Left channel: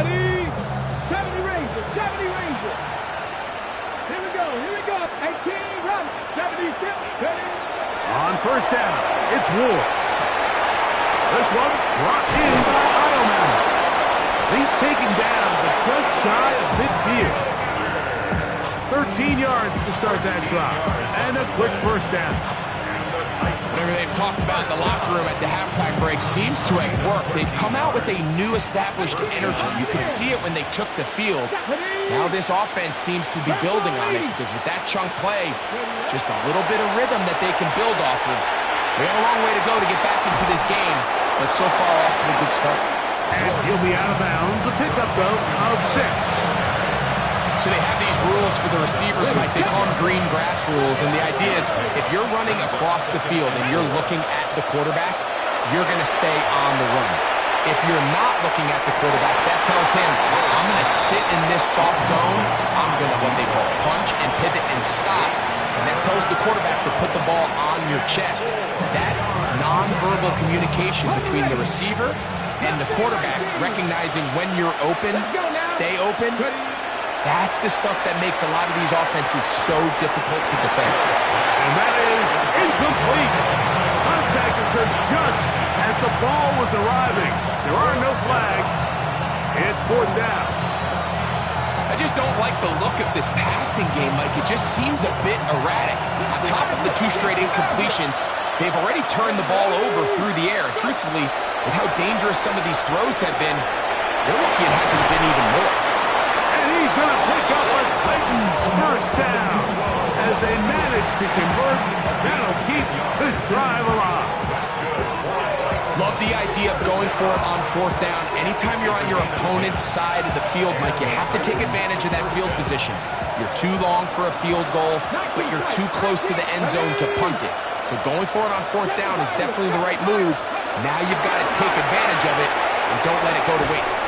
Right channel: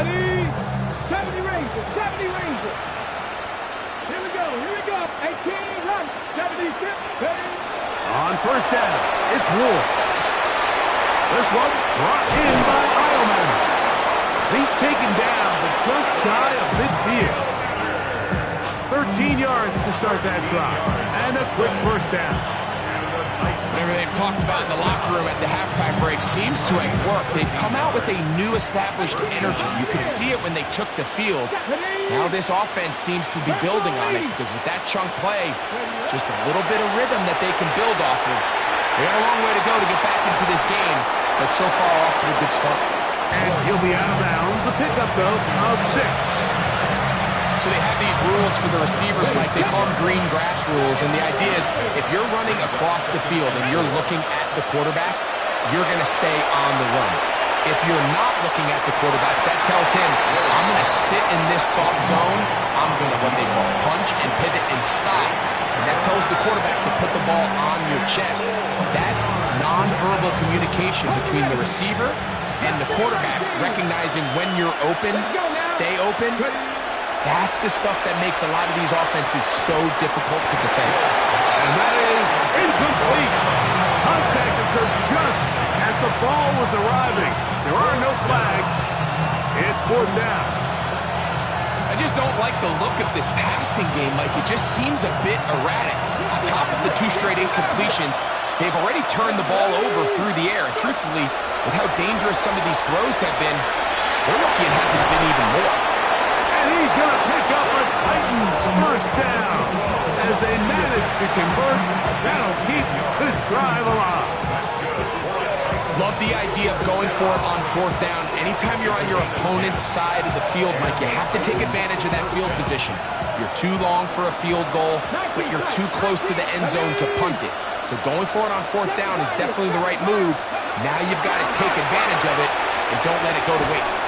Ready? 70 Rangers, 70 Rangers. Here we go. 18, run. 70 skip, ready. On first down, it's Ward. This one brought in by Ioman. He's taken down, but just shy of midfield. 13 yards to start that drive, and a quick first down. Whatever they've talked about in the locker room at the halftime break seems to have worked. They've come out with a new established energy. You could see it when they took the field. Now this offense seems to be building on it because with that chunk play, just a little bit of rhythm that they can build off of. They got a long way to go to get back into this game, but so far off to a good start. And he'll be out of bounds. A pickup, though, of 6. So they have these rules for the receivers, Mike. They call them green grass rules. And the idea is if you're running across the field and you're looking at the quarterback, you're going to stay on the run. If you're not looking at the quarterback, that tells him, I'm going to sit in this soft zone. I'm going to, what they call, punch and pivot and stop. And that tells the quarterback to put the ball on your chest. That nonverbal communication between the receiver and the quarterback, recognizing when you're open, stay open, that's the stuff that makes a lot of these offenses so difficult to defend. And that is incomplete. Contact occurred just as the ball was arriving. There are no flags. It's fourth down. I just don't like the look of this passing game, Mike. It just seems a bit erratic. On top of the 2 straight incompletions, they've already turned the ball over through the air. And truthfully, with how dangerous some of these throws have been, they're lucky it hasn't been even more. And he's going to pick up a Titans first down. As they manage to convert, that'll keep this drive alive. Love the idea of going for it on fourth down. Anytime you're on your opponent's side of the field, Mike, you have to take advantage of that field position. You're too long for a field goal, but you're too close to the end zone to punt it. So going for it on fourth down is definitely the right move. Now you've got to take advantage of it and don't let it go to waste.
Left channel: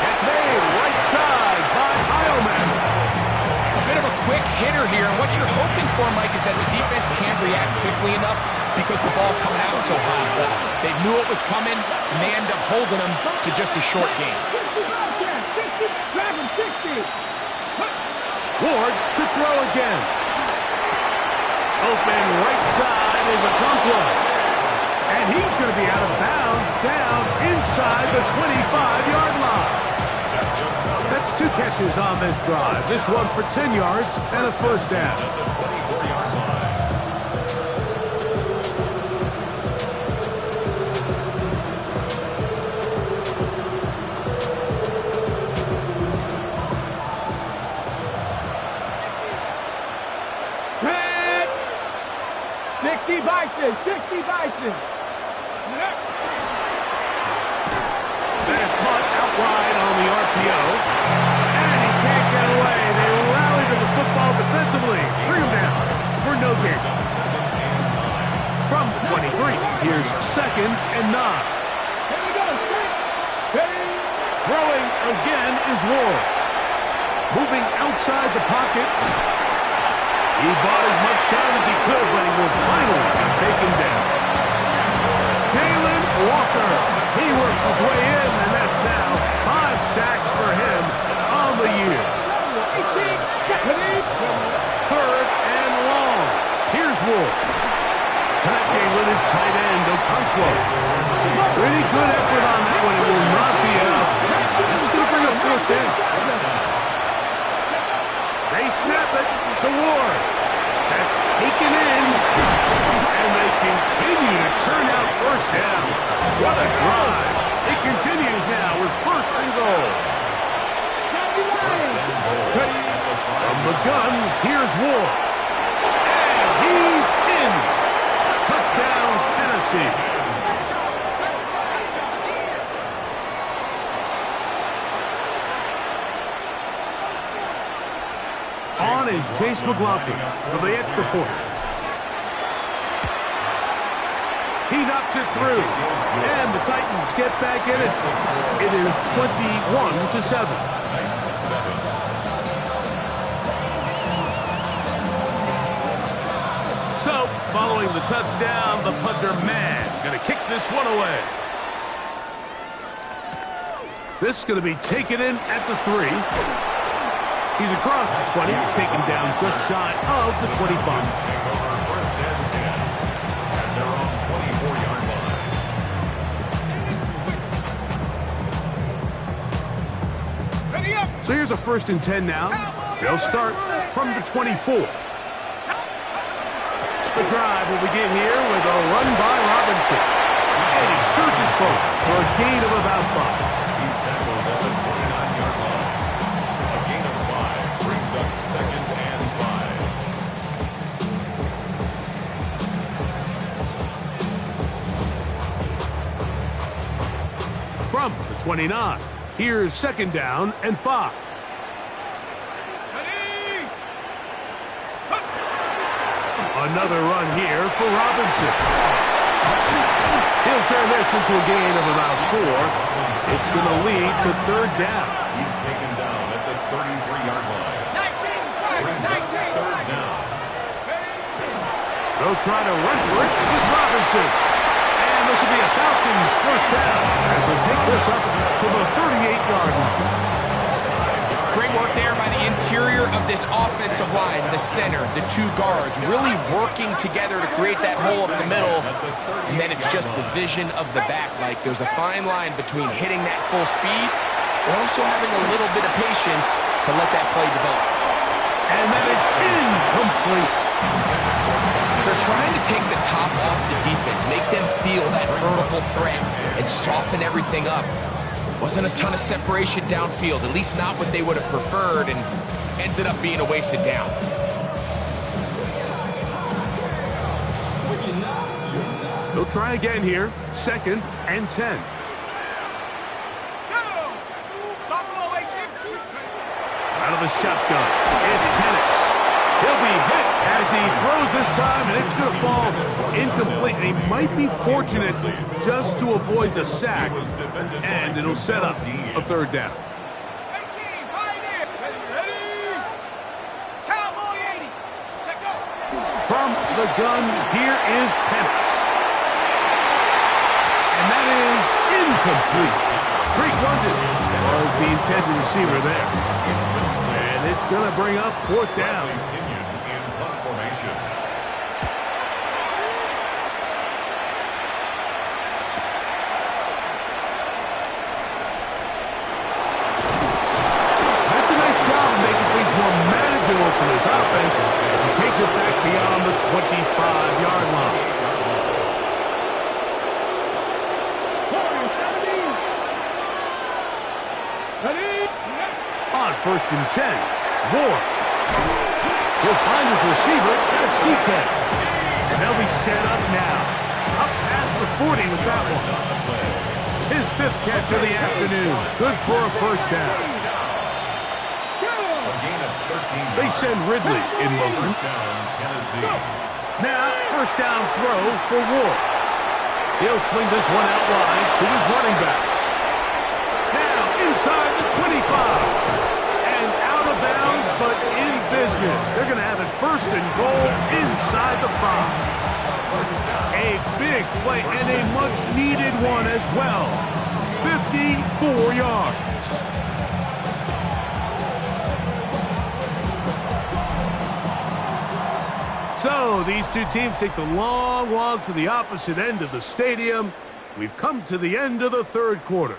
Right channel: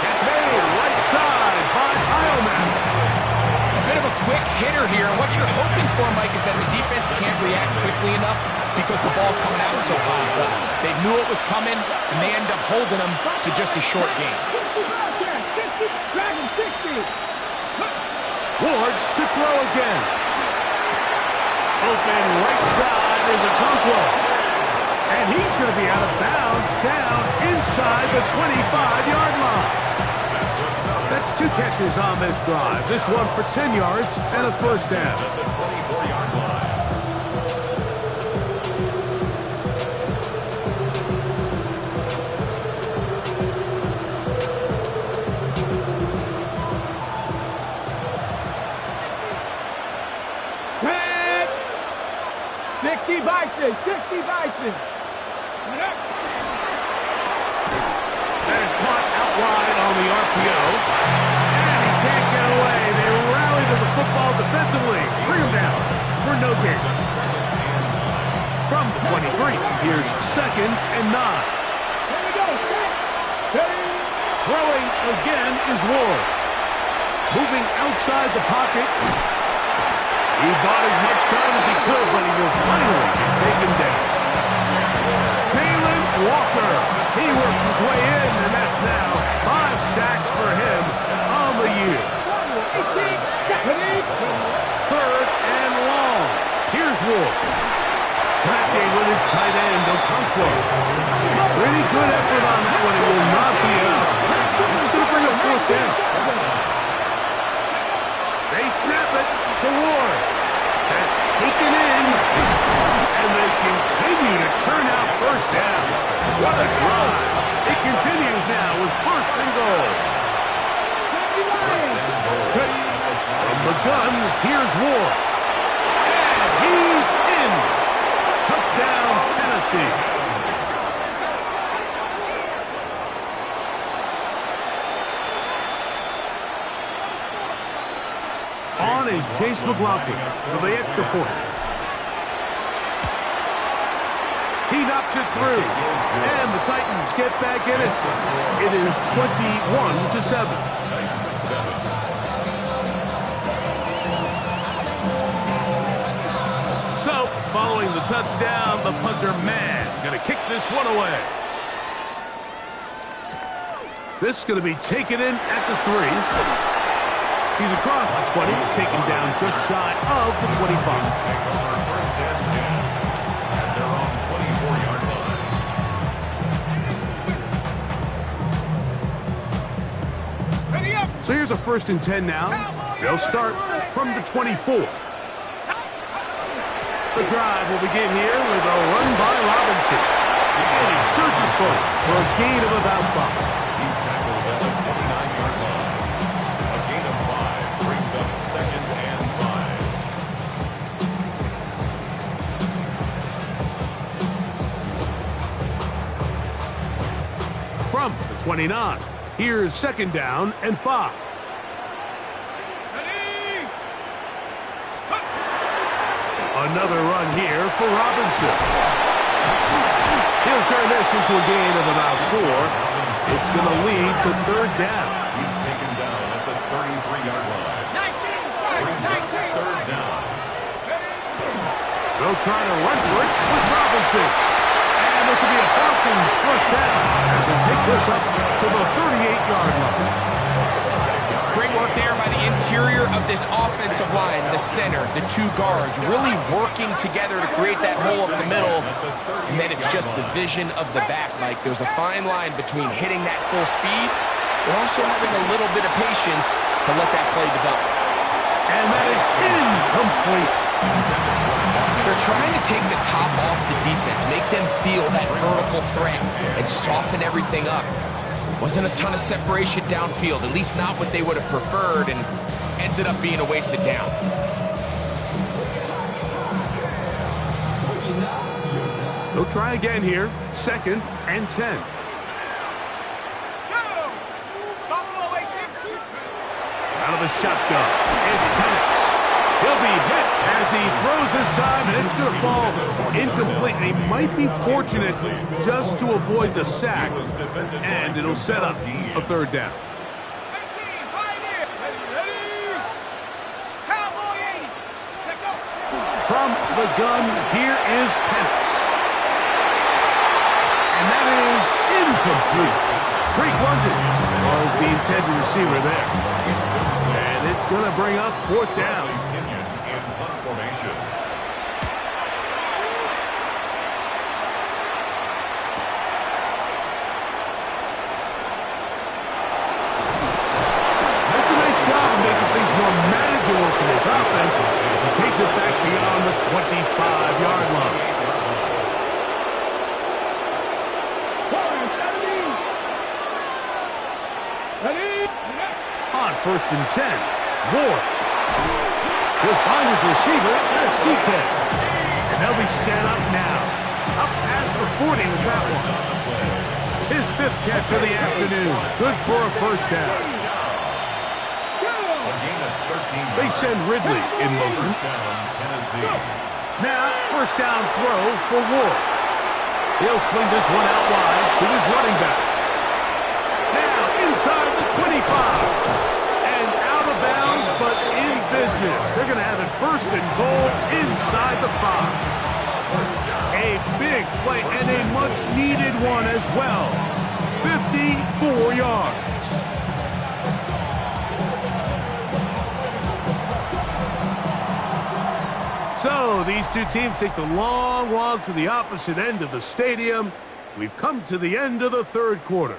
That's made right side by Ioman. A bit of a quick hitter here, and what you're hoping for, Mike, is that the defense can't react quickly enough because the ball's coming out so high. But they knew it was coming, and they end up holding them to just a short game. Ward to throw again. Open right side is Okonkwo. And he's going to be out of bounds down inside the 25-yard line. That's 2 catches on this drive. This one for 10 yards and a first down. Red! 60 Bison, 60 Bison. That is caught out wide on the RPO. And he can't get away. They rally to the football defensively. Bring him down for no gain. From the 23, here's 2nd and 9. Here we go, set, ready. Throwing again is Ward. Moving outside the pocket. He bought as much time as he could, but he will finally be taken down. Kalen Walker. He works his way in, and that's now 5 sacks for him on the year. 3rd and long. Here's Ward. Connecting with his tight end, Okonkwo. Pretty good effort on that one. It will not be enough. He's going to bring up fourth down. They snap it to Ward. That's taken in. And they continue to churn out first down. What a drive. It continues now with first and goal. From the gun, here's Ward. And he's in. Touchdown, Tennessee. On is Chase McLaughlin for the extra point. He knocks it through. And the Titans get back in it. It is 21-7. So, following the touchdown, the punter, man, going to kick this one away. This is going to be taken in at the 3. He's across the 20, taken down just shy of the 25. Take over first and 10. And they're on 24-yard line. Ready up. So here's a first and 10 now. They'll start from the 24. The drive will begin here with a run by Robinson. And he surges forward for a gain of about 5. He's tackled at the 49-yard line. A gain of 5 brings up second and 5. From the 29, here's second down and 5. Another run here for Robinson. He'll turn this into a gain of about 4. It's going to lead to third down. He's taken down at the 33-yard line. 19, Third down. They'll try to run for it with Robinson. And this will be a Falcons first down as they'll take this up to the 38-yard line. Great work there by the interior of this offensive line, the center, the 2 guards, really working together to create that hole up the middle. And then it's just the vision of the back. Like there's a fine line between hitting that full speed but also having a little bit of patience to let that play develop. And that is incomplete. They're trying to take the top off the defense, make them feel that vertical threat and soften everything up. Wasn't a ton of separation downfield, at least not what they would have preferred, and ends up being a wasted down. They'll try again here, second and 10. Out of the shotgun, it's Penix. He'll be hit as he throws this time, and it's going to fall incomplete. And he might be fortunate just to avoid the sack, and it'll set up a third down. 18, Pioneer. Ready. Cowboy 80. Check go. From the gun, here is Penix. And that is incomplete. Drake London was the intended receiver there. And it's going to bring up fourth down. In punt formation. That's a nice job of making things more manageable for this offense as he takes it back beyond the 25-yard line. Ready. On first and 10, Ward. He'll find his receiver, that's DK. And they'll be set up now. Up past the 40 with that one. His 5th catch of the afternoon. Good for a first down. A gain of 13 They send Ridley in motion. First down, Tennessee. Now, first down throw for Ward. He'll swing this one out wide to his running back. Now, inside the 25. And out of bounds, but in business. They're going to have it first and goal inside the 5. A big play and a much-needed one as well. 54 yards. So these two teams take the long walk to the opposite end of the stadium. We've come to the end of the third quarter.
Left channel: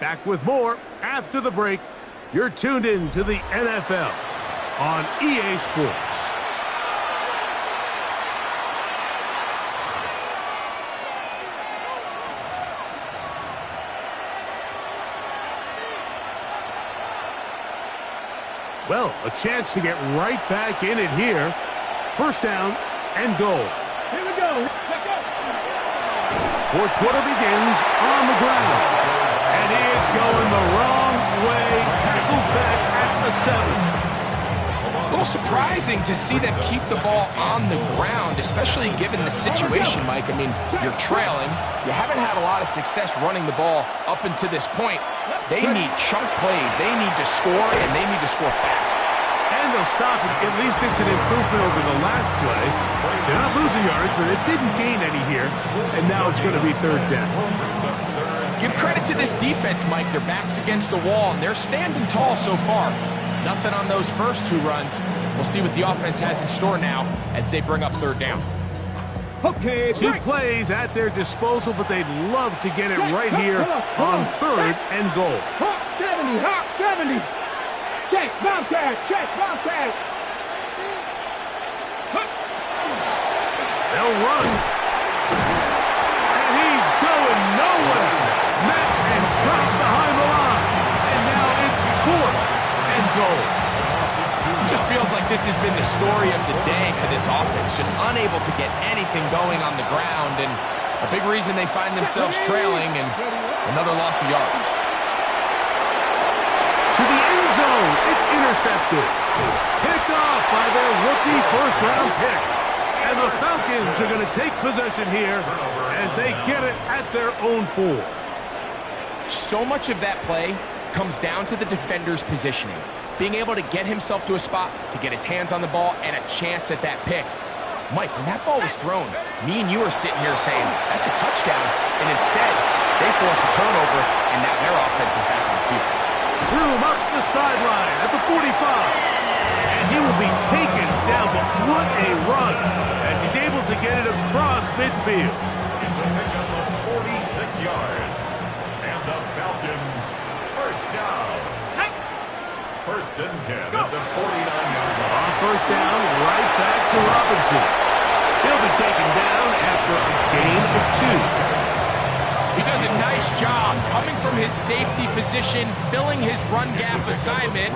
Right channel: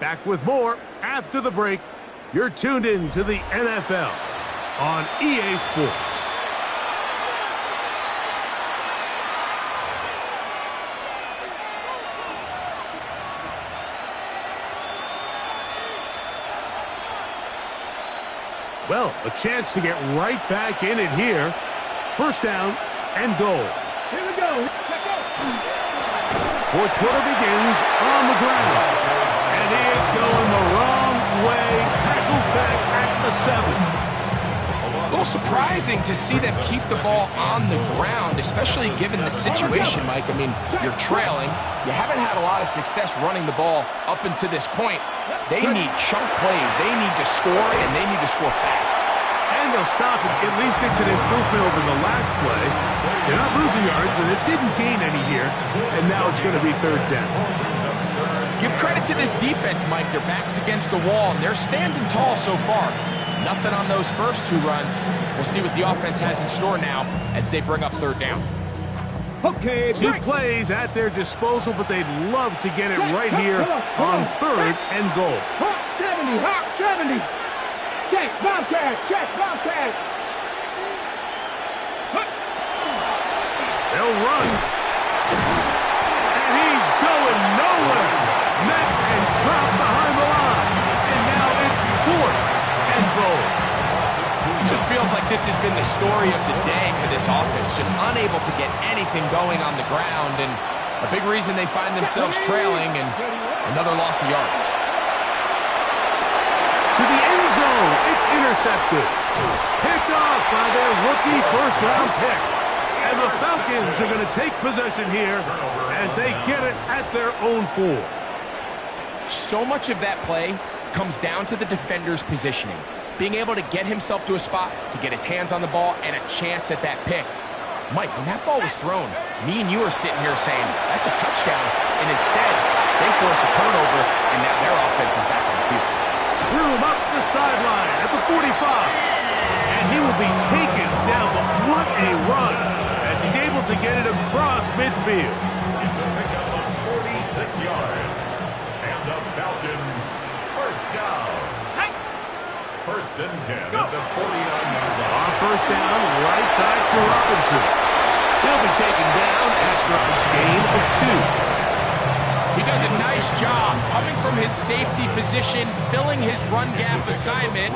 Back with more after the break. You're tuned in to the NFL on EA Sports. Well, a chance to get right back in it here. First down and goal. Here we go. Let's go. Fourth quarter begins on the ground. And he is going the wrong way. Tackled back at the 7. A little surprising to see them keep the ball on the ground, especially given the situation, Mike. I mean, you're trailing. You haven't had a lot of success running the ball up until this point. They need chunk plays. They need to score, and they need to score fast. And they'll stop it. At least it's an improvement over the last play. They're not losing yards, but it didn't gain any here. And now it's going to be third down. Brings up third Give credit to this defense, Mike. Their back's against the wall, and they're standing tall so far. Nothing on those first 2 runs. We'll see what the offense has in store now as they bring up 3rd down. Okay, 2 plays at their disposal, but they'd love to get it right here on 3rd and goal. Hawk 70, Hawk 70. Check, Bobcat, check, Bobcat. They'll run. And he's going nowhere. Met and dropped behind the line. And now it's 4th and goal. Just feels like this has been the story of the day for this offense. Just unable to get anything going on the ground. And a big reason they find themselves trailing and another loss of yards. To the end zone. It's intercepted. Picked off by their rookie first-round pick. And the Falcons are going to take possession here as they get it at their own 4. So much of that play comes down to the defender's positioning. Being able to get himself to a spot, to get his hands on the ball, and a chance at that pick. Mike, when that ball was thrown, me and you are sitting here saying, that's a touchdown. And instead, they force a turnover, and now their offense is back on the field. Threw him up the sideline at the 45. And he will be taken down, but what a run as he's able to get it across midfield. It's a pickup of 46 yards. And the Falcons, 1st down. 1st and 10 at the 49-yard line. On 1st down, right back to Robinson. He'll be taken down after a gain of 2. He does a nice job coming from his safety position, filling his run gap assignment.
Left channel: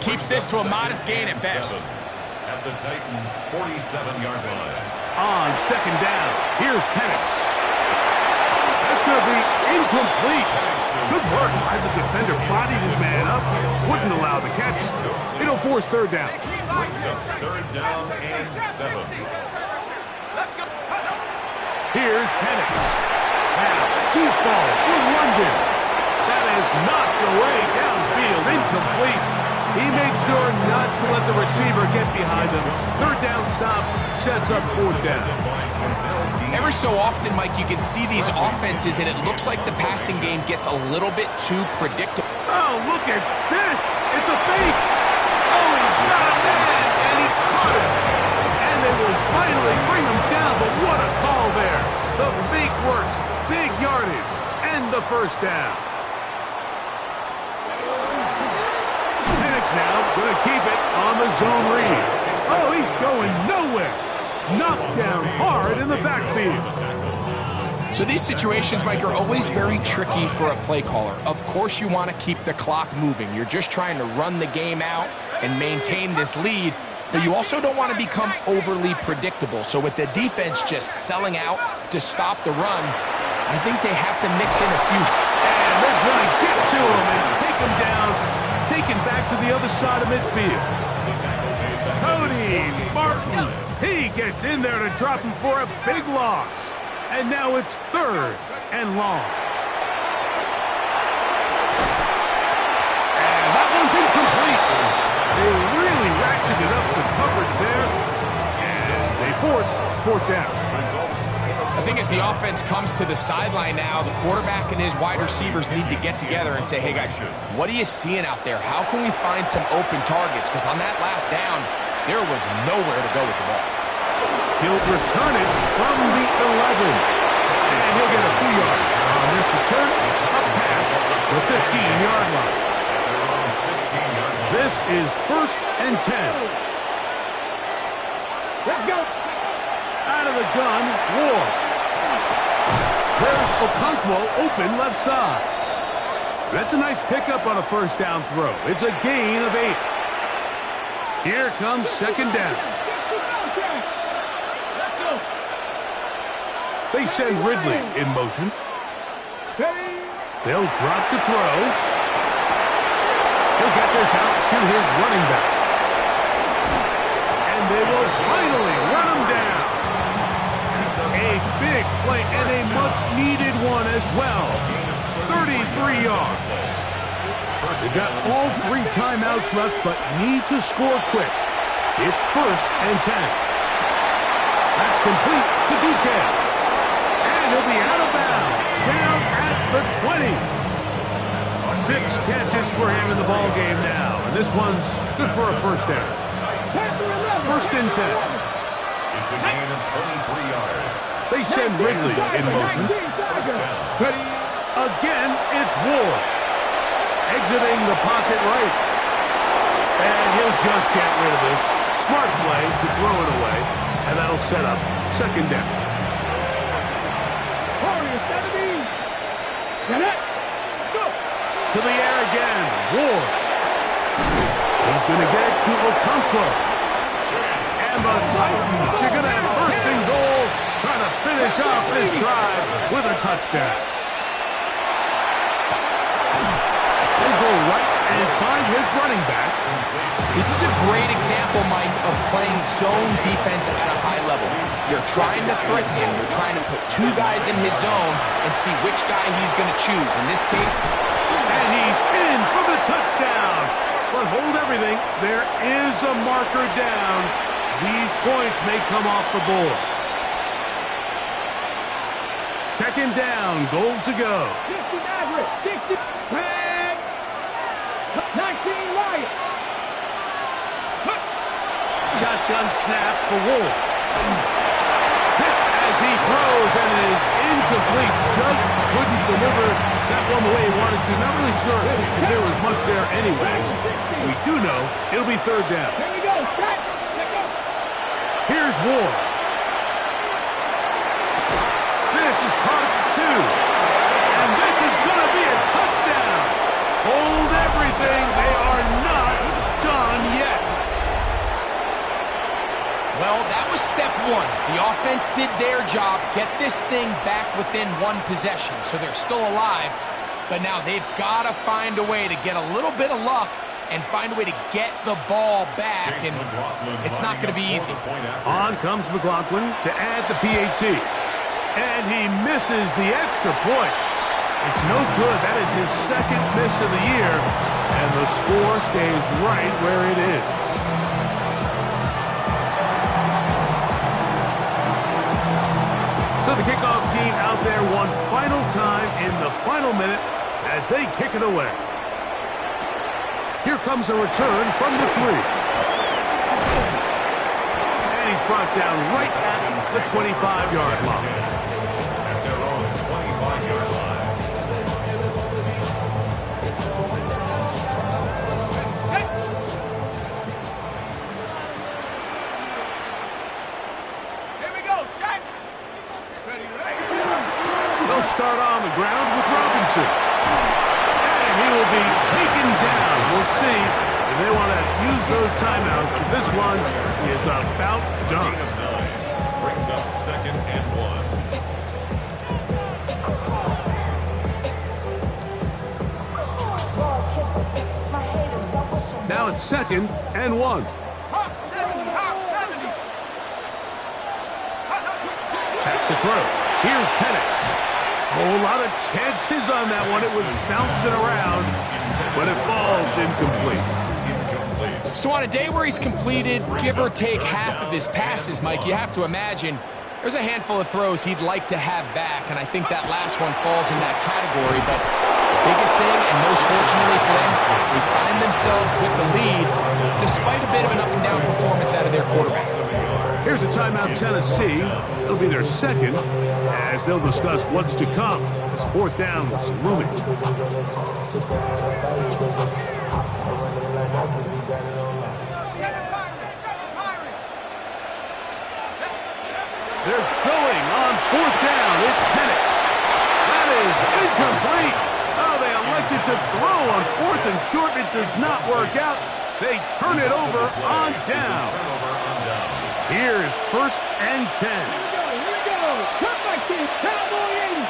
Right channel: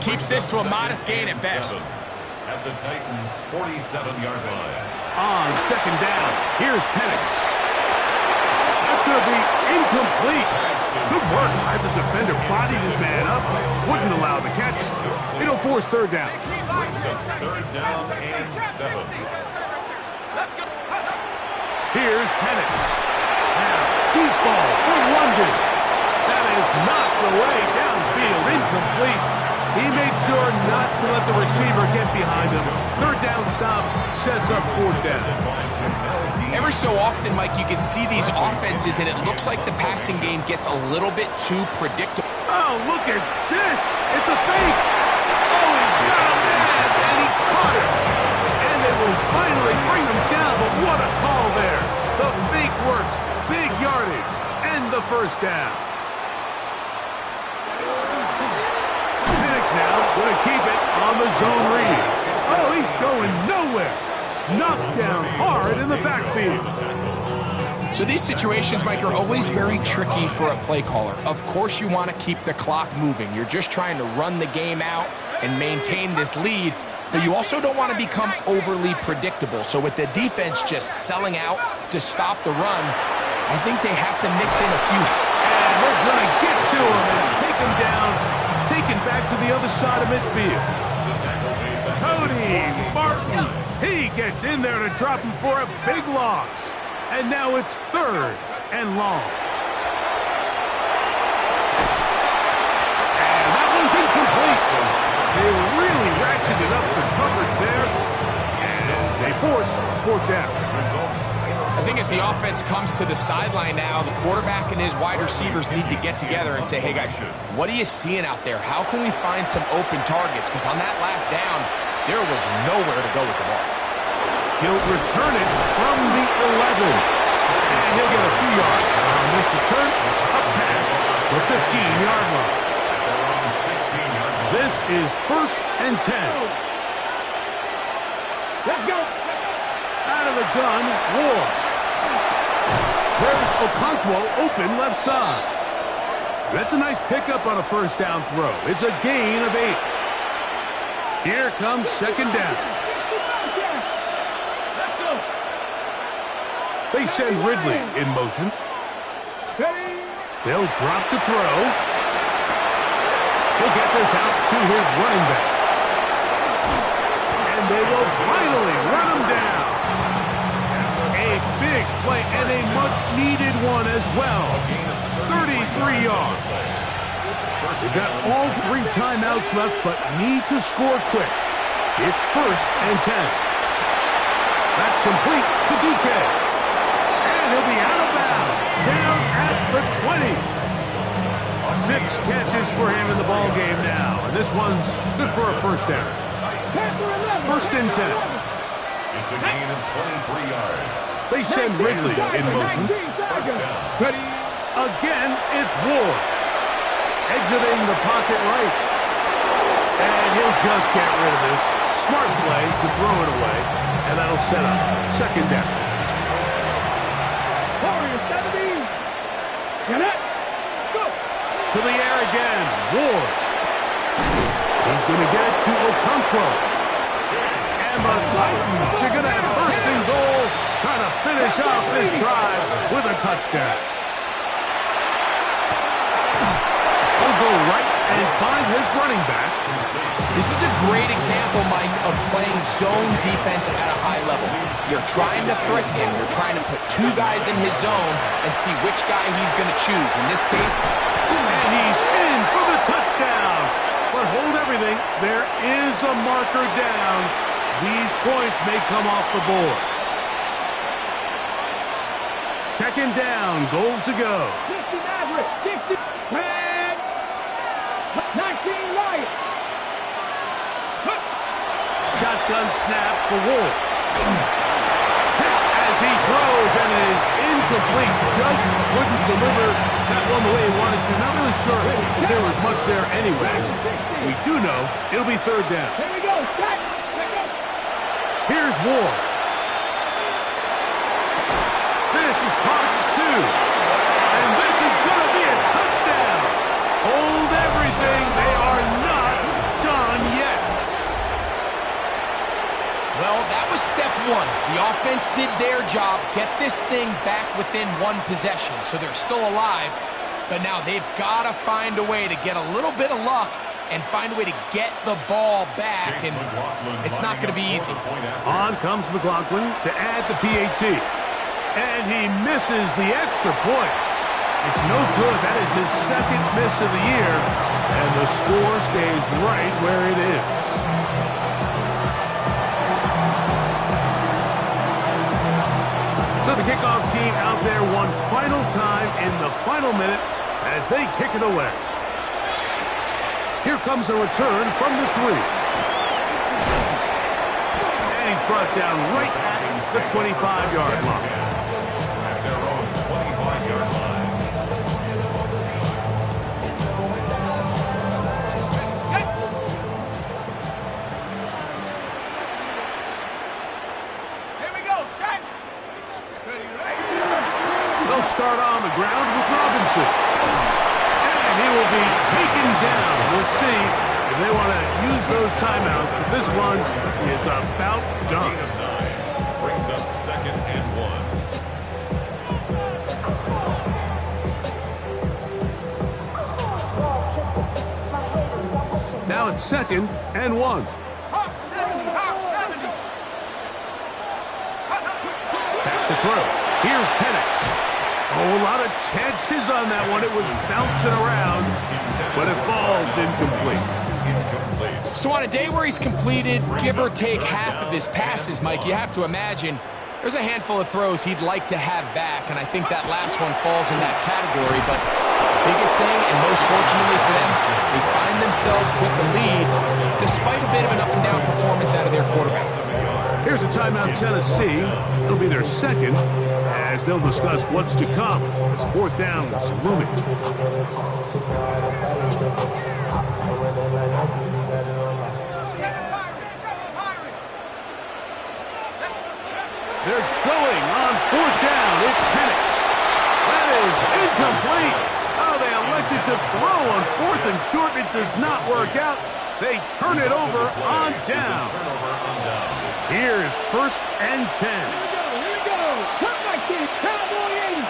Keeps this to a modest gain at best. At the Titans' 47-yard line. On 2nd down, here's Penix. That's going to be incomplete. Good work by the defender. Bodied his man up. Wouldn't allow the catch. It'll force 3rd down. Brings up 3rd down and 7. Here's Penix. Now, deep ball for London. That is knocked away downfield. Incomplete. He made sure not to let the receiver get behind him. 3rd down stop sets up 4th down. Every so often, Mike, you can see these offenses, and it looks like the passing game gets a little bit too predictable. Oh, look at this. It's a fake. Oh, he's got a man, and he caught him. And they will finally bring him down, but what a call there. The fake works. Big yardage. And the 1st down. Penix now going to keep it on the zone read. Oh, he's going nowhere. Knocked down hard in the backfield. So these situations, Mike, are always very tricky for a play caller. Of course you want to keep the clock moving. You're just trying to run the game out and maintain this lead, but you also don't want to become overly predictable. So with the defense just selling out to stop the run, I think they have to mix in a few. And they're going to get to him and take him down, taken back to the other side of midfield. Cody Martin, he gets in there to drop him for a big loss. And now it's 3rd and long. And that one's incomplete. They really ratcheted up the coverage there. And they force 4th down. I think as the offense comes to the sideline now, the quarterback and his wide receivers need to get together and say, hey, guys, what are you seeing out there? How can we find some open targets? Because on that last down, there was nowhere to go with the ball. He'll return it from the 11. And he'll get a few yards on this return. Up past the 15-yard line. This is 1st and 10. Let's go. Out of the gun, Ward. There's Okonkwo open left side. That's a nice pickup on a 1st down throw. It's a gain of 8. Here comes 2nd down. Let's go. They send Ridley in motion. They'll drop to throw. He'll get this out to his running back. And they will finally run him down. A big play and a much-needed one as well. 33 yards. They've got all 3 timeouts left, but need to score quick. It's 1st and 10. That's complete to DK. And he'll be out of bounds, down at the 20. 6 catches for him in the ball game now, and this one's good for a first down. First and 10. It's a gain of 23 yards. They send Ridley in motion. First down. Again, it's Ward. Exiting the pocket right. And he'll just get rid of this. Smart play to throw it away, and that'll set up second down. To the air again, Ward. He's going to get it to Okonkwo. And the Titans are going to have first and goal, trying to finish off this drive with a touchdown. He'll go right and find his running back. This is a great example, Mike, of playing zone defense at a high level. You're trying to threaten him. You're trying to put 2 guys in his zone and see which guy he's going to choose. In this case, and he's in for the touchdown. But hold everything. There is a marker down. These points may come off the board. Second down, goal to go. 60 Maverick, 60 Tag, 19 Lion. Shotgun snap for Wolf. Hit as he throws, and it is incomplete. Just couldn't deliver that one the way he wanted to. Not really sure if there was much there anyways. We do know it'll be third down. Here we go, set, let go. Here's Ward. This is caught at the 2. And this is going to be a touchdown. Hold everything. They are not done yet. well, that was step 1. The offense did their job, get this thing back within 1 possession, so they're still alive. But now they've got to find a way to get a little bit of luck and find a way to get the ball back, and it's not going to be easy. On comes McLaughlin to add the PAT. And he misses the extra point. It's no good. That is his 2nd miss of the year. And the score stays right where it is. So the kickoff team out there one final time in the final minute as they kick it away. Here comes a return from the 3. And he's brought down right at the 25-yard line. At their own 25-yard line. Here we go, set. They'll start on the ground with Robinson. And he will be taken down. We'll see if they want to use those timeouts. But this one is about done. Gain of 9 brings up 2nd and 1. Now it's 2nd and 1. Hawk 70, Hawk 70. Back to throw. Here's Penix. Oh, a lot of chances on that one. It was bouncing around, but it falls incomplete. So on a day where he's completed, give or take half of his passes, Mike, you have to imagine there's a handful of throws he'd like to have back, and I think that last one falls in that category. But biggest thing, and most fortunately for them, they find themselves with the lead despite a bit of an up-and-down performance out of their quarterback. Here's a timeout, Tennessee. It'll be their 2nd, as they'll discuss what's to come as 4th down is looming. They're going on 4th down. It's Penix. That is incomplete. Oh, they elected to throw on 4th and short. It does not work out. They turn it over on down. Here's 1st and 10. Here we go. Cut my kid. Cowboy 80.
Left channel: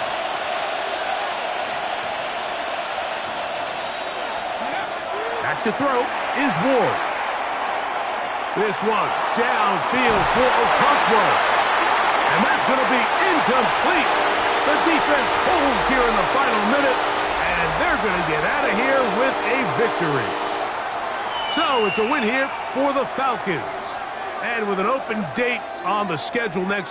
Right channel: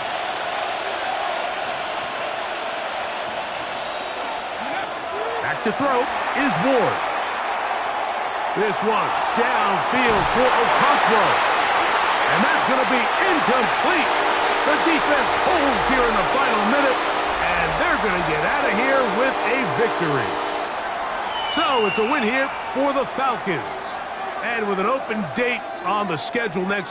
Back to throw is Ward. This one downfield for Okonkwo. And that's going to be incomplete. The defense holds here in the final minute, and they're going to get out of here with a victory. So it's a win here for the Falcons. And with an open date on the schedule next